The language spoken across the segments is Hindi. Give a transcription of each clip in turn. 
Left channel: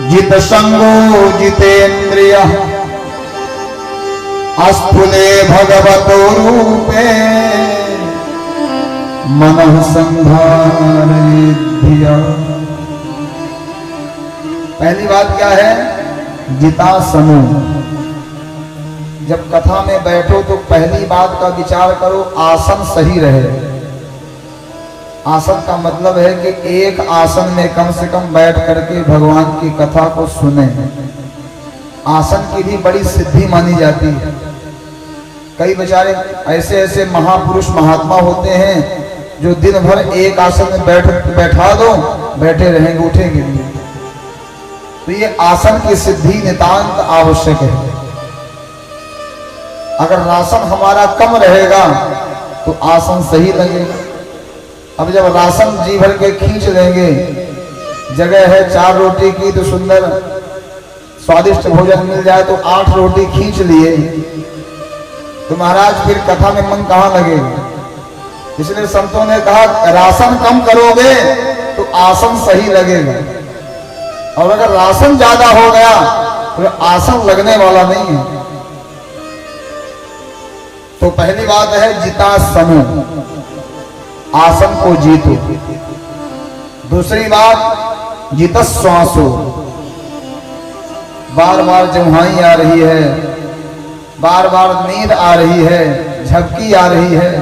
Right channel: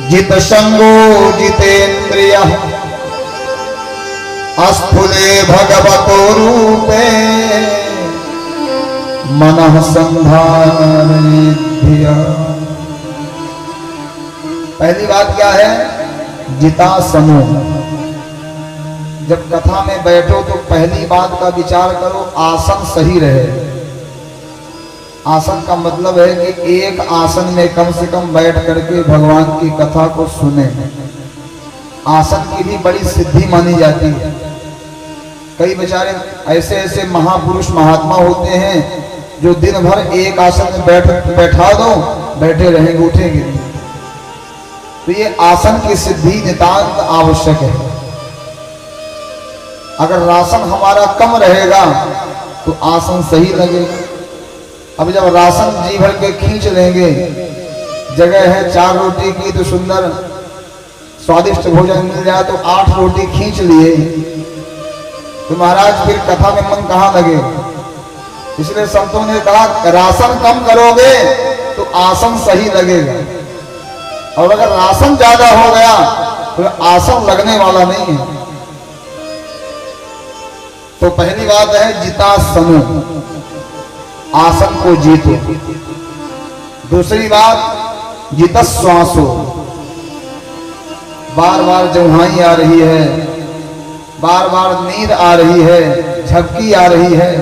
जित संगो जितेन्द्रियः अस्फुले भगवतो रूपे मनः संधारयेद्धिया। पहली बात क्या है? जिता समूह। जब कथा में बैठो तो पहली बात का विचार करो आसन सही रहे। आसन का मतलब है कि एक आसन में कम से कम बैठ करके भगवान की कथा को सुने। आसन की भी बड़ी सिद्धि मानी जाती है। कई बेचारे ऐसे ऐसे महापुरुष महात्मा होते हैं जो दिन भर एक आसन में बैठा दो, बैठे रहेंगे, उठेंगे नहीं। तो ये आसन की सिद्धि नितांत आवश्यक है। अगर राशन हमारा कम रहेगा तो आसन सही लगेगा। अब जब राशन जी भर के खींच लेंगे, जगह है 4 रोटी की तो सुंदर स्वादिष्ट भोजन मिल जाए तो 8 रोटी खींच लिए तो महाराज फिर कथा में मन कहां लगेगा। इसलिए संतों ने कहा राशन कम करोगे तो आसन सही लगेगा, और अगर राशन ज्यादा हो गया तो आसन लगने वाला नहीं है। तो पहली बात है जिता समूह, आसन को जीतो। दूसरी बात जिता श्वासो। बार बार जमुहाई आ रही है, बार बार नींद आ रही है, झपकी आ रही है,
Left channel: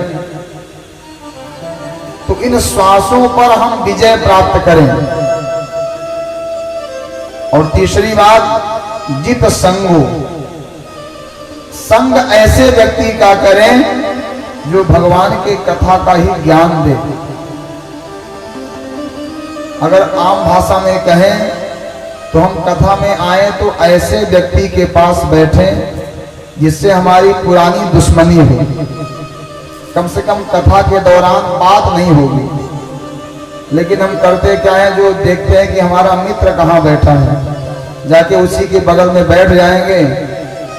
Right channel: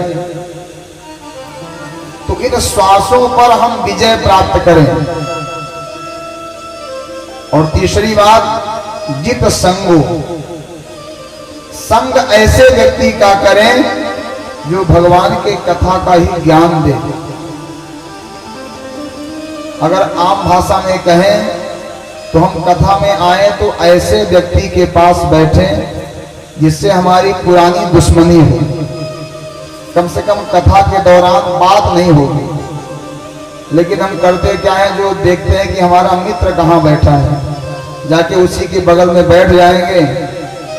तो इन श्वासों पर हम विजय प्राप्त करें। और तीसरी बात जित संगो। संग ऐसे व्यक्ति का करें जो भगवान के कथा का ही ज्ञान दे। अगर आम भाषा में कहें तो हम कथा में आए तो ऐसे व्यक्ति के पास बैठे जिससे हमारी पुरानी दुश्मनी हो। कम से कम कथा के दौरान बात नहीं होगी, लेकिन हम करते क्या है, जो देखते हैं कि हमारा मित्र कहाँ बैठा है, जाके उसी के बगल में बैठ जाएंगे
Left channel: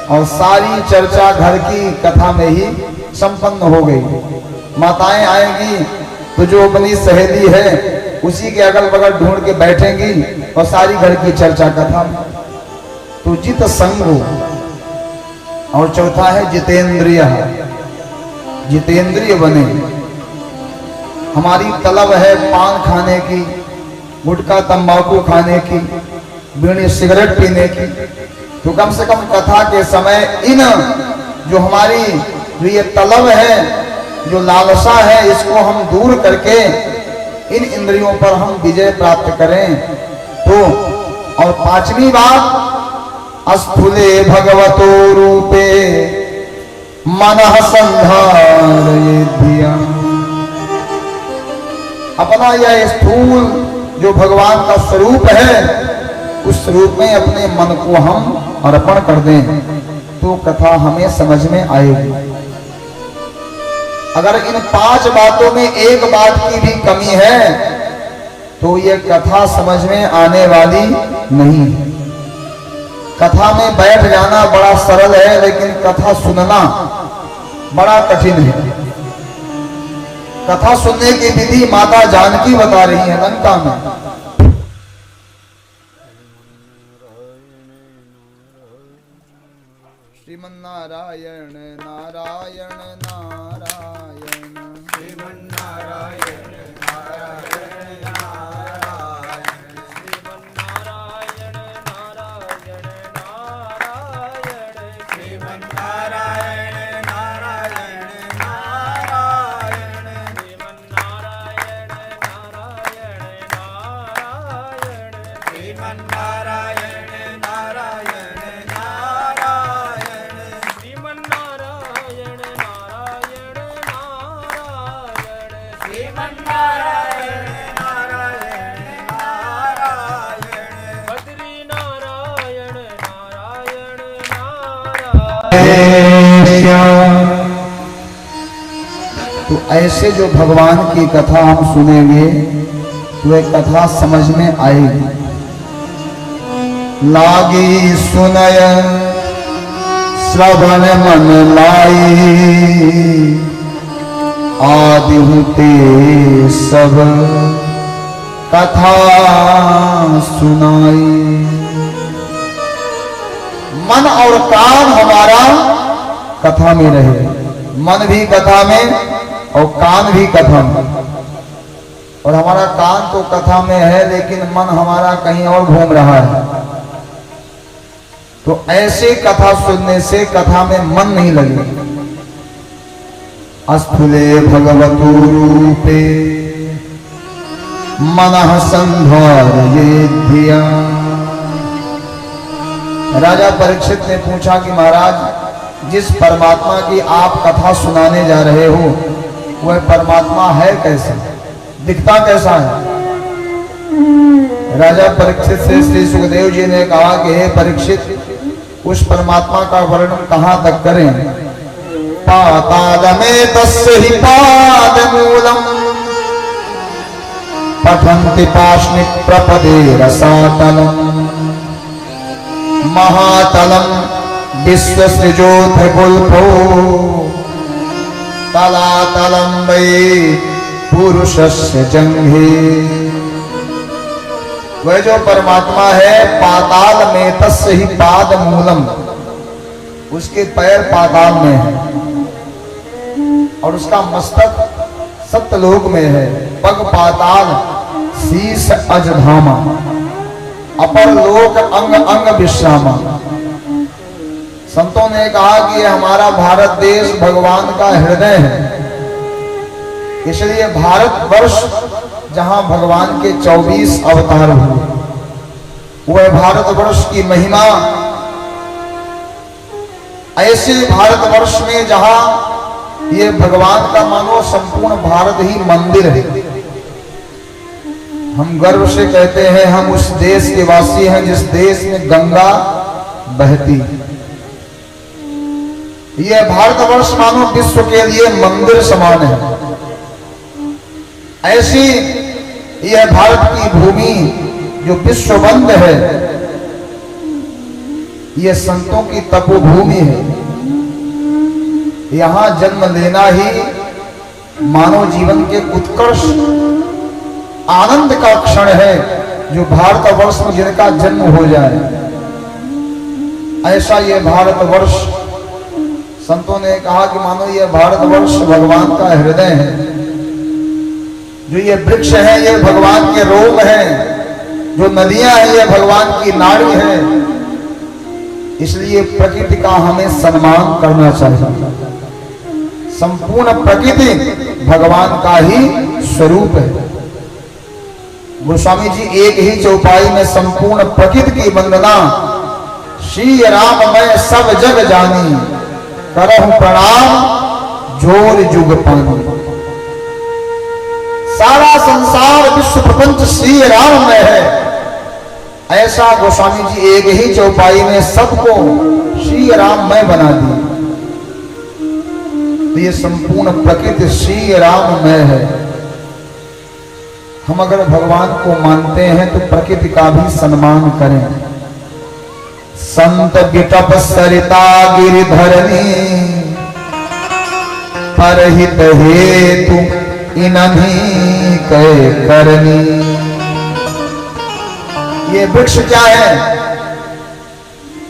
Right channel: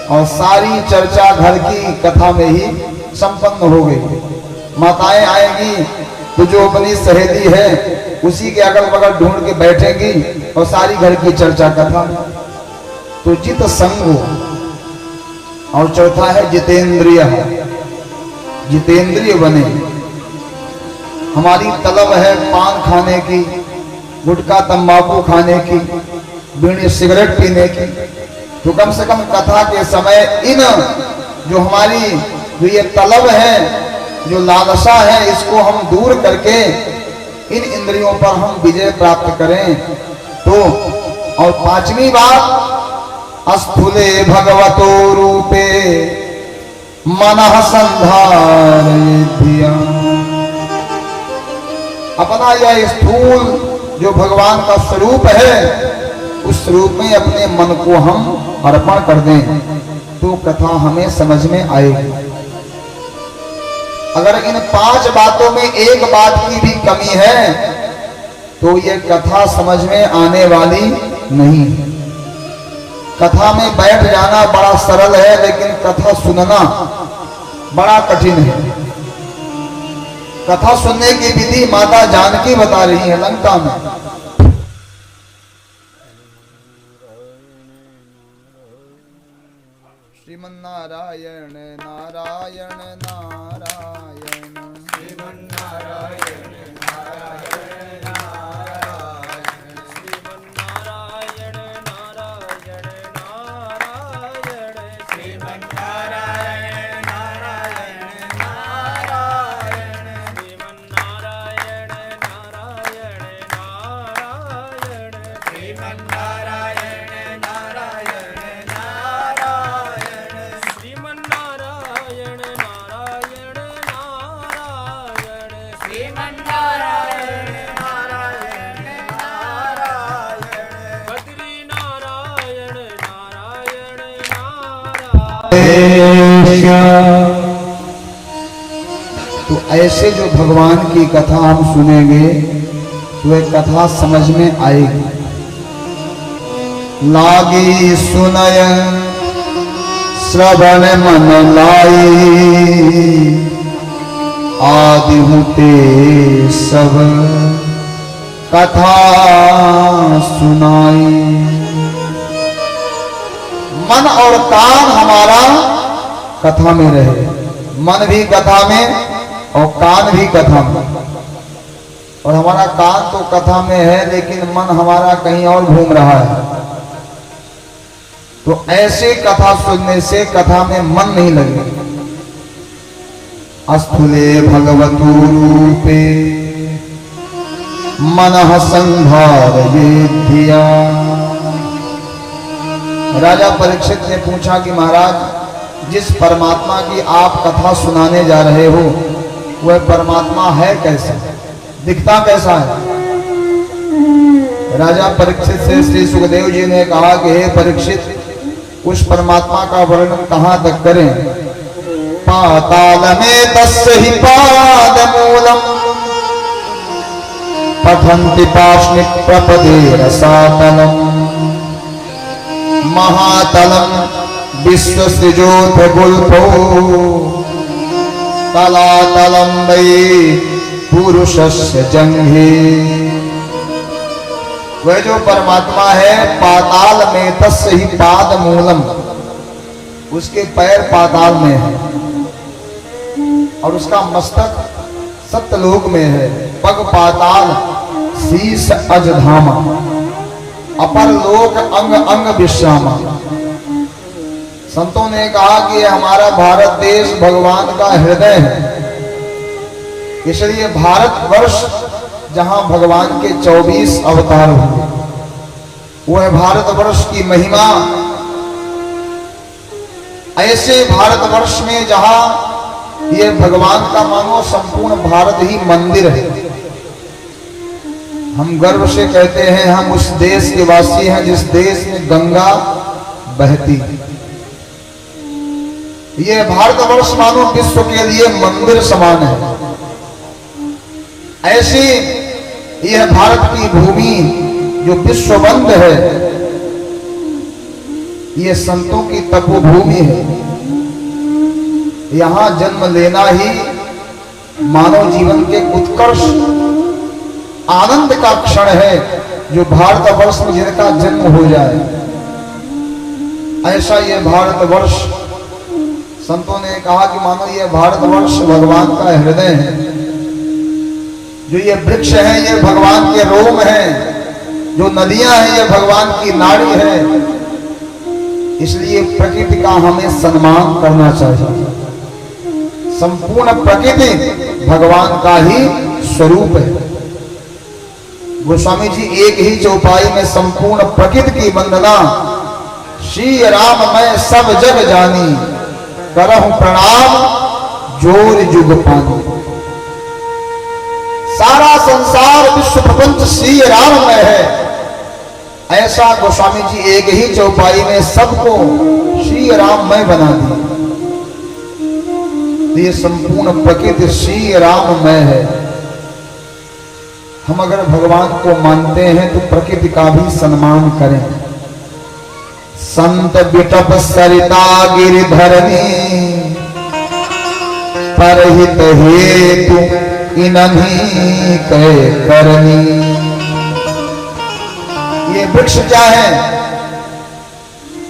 और सारी चर्चा घर की कथा में ही संपन्न हो गई। माताएं आएंगी तो जो अपनी सहेली है उसी के अगल बगल ढूंढ के बैठेंगी और सारी घर की चर्चा कथा में। तो जित संगो। और चौथा है जितेंद्रिय। जितेंद्रिय बने। हमारी तलब है पान खाने की, गुटखा तंबाकू खाने की, बीड़ी सिगरेट पीने की, तो कम से कम कथा के समय इन जो हमारी जो ये तलब है, जो लालसा है, इसको हम दूर करके इन इंद्रियों पर हम विजय प्राप्त करें। तो और 5वीं बात अस्फुले भगवतो रूपे मनः संधारयेद्धिया। अपना यह स्थूल जो भगवान का स्वरूप है, उस स्वरूप में अपने मन को हम अर्पण कर दें तो कथा हमें समझ में आएगी। अगर इन 5 बातों में एक बात की भी कमी है तो यह कथा समझ में आने वाली नहीं है। कथा में बैठ जाना बड़ा सरल है, लेकिन कथा सुनना बड़ा कठिन है। कथा सुनने की विधि माता जानकी बता रही है लंका में। श्रीमन्नारायण नारायण नारायण, श्रीमन्नारायण नारायण नारायण, श्रीमन्नारायण नारायण नारायण, श्रीमन्नारायण नारायण नारायण, श्रीमन्नारायण नारायण नारायण, श्रीमन्नारायण नारायण नारायण, श्रीमन्नारायण नारायण नारायण, बद्री नारायण नारायण नारायण। तो ऐसे जो भगवान की कथा हम सुनेंगे तो एक कथा समझ में आएगी। लागी सुनय श्रवण मन लाई, आदि होते सब कथा सुनाई। मन और कान हमारा कथा में रहे, मन भी कथा में और कान भी कथा में। और हमारा कान तो कथा में है लेकिन मन हमारा कहीं और घूम रहा है। तो ऐसे कथा सुनने से कथा में मन नहीं लगेगा। अस्थूले भगवतु रूपे मनः संधारयेद्धिया। राजा परीक्षित ने पूछा कि महाराज, जिस परमात्मा की आप कथा सुनाने जा रहे हो वह परमात्मा है कैसा, दिखता कैसा है? राजा परीक्षित से श्री सुखदेव जी ने कहा कि हे परीक्षित, उस परमात्मा का वर्णन कहां तक करें? पाताल में तस्य ही पाद मूलम पठन्ति पाशनिक प्रपदे रसातलम महातलम विश्वसृजोथ गुल्फो तलातलम वै पुरुषस्य जंघे। वह जो परमात्मा है पाताल में तस्य ही पाद मूलम, उसके पैर पाताल में है और उसका मस्तक सप्तलोक में है। पग पाताल शीश अजधामा, अपर लोक अंग अंग विश्रामा। संतों ने कहा कि हमारा भारत देश भगवान का हृदय है, इसलिए भारतवर्ष जहां भगवान के 24 अवतार हुए, वह भारतवर्ष की महिमा। ऐसे भारतवर्ष में जहां ये भगवान का मानो संपूर्ण भारत ही मंदिर है। हम गर्व से कहते हैं हम उस देश के वासी हैं जिस देश में गंगा बहती है। यह भारतवर्ष मानो विश्व के लिए मंदिर समान है। ऐसी यह भारत की भूमि जो विश्वबंद है, यह संतों की तपोभूमि है। यहां जन्म लेना ही मानव जीवन के उत्कर्ष आनंद का क्षण है, जो भारतवर्ष में जिनका जन्म हो जाए। ऐसा यह भारतवर्ष, संतों ने कहा कि मानो यह भारतवर्ष भगवान का हृदय है। जो ये वृक्ष है ये भगवान के रोम है, जो नदियां हैं ये भगवान की नाड़ी है। इसलिए प्रकृति का हमें सम्मान करना चाहिए। संपूर्ण प्रकृति भगवान का ही स्वरूप है। गोस्वामी जी एक ही चौपाई में संपूर्ण प्रकृति की वंदना, श्री राम मैं सब जग जानी, करहु प्रणाम जोर जुग पानी। सारा संसार विश्व प्रपंच श्री राम में है। ऐसा गोस्वामी जी एक ही चौपाई में सबको श्री राम में बना दिया। ये संपूर्ण प्रकृति श्री राम में है। हम अगर भगवान को मानते हैं तो प्रकृति का भी सम्मान करें। संत बिटप सरिता गिरिधरनी, परहित हेतु इन्हीं कै करनी। ये वृक्ष क्या है?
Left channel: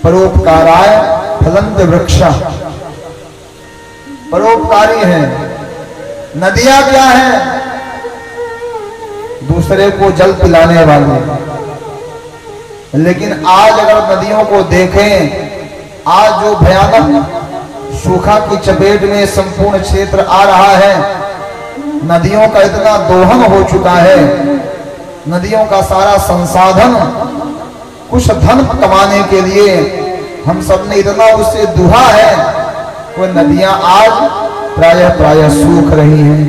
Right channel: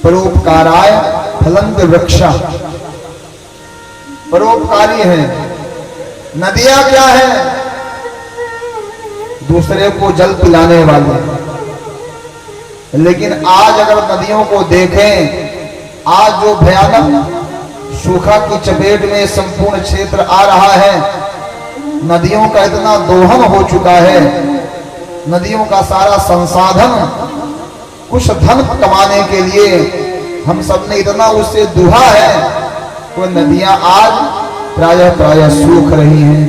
परोपकाराय फलंत वृक्षा, परोपकारी है। नदियां क्या है? दूसरे को जल पिलाने वाले। लेकिन आज अगर नदियों को देखें, आज जो भयानक सूखा की चपेट में संपूर्ण क्षेत्र आ रहा है, नदियों का इतना दोहन हो चुका है, नदियों का सारा संसाधन कुछ धन कमाने के लिए हम सब ने इतना उससे दुहा है, वो नदियां आज प्रायः सूख रही हैं।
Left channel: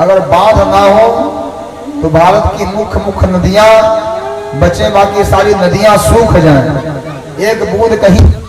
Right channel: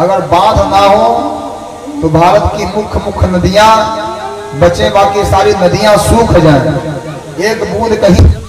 अगर बांध ना हो तो भारत की मुख्य नदियां बचे, बाकी सारी नदियां सूख जाएं। एक बूंद कहीं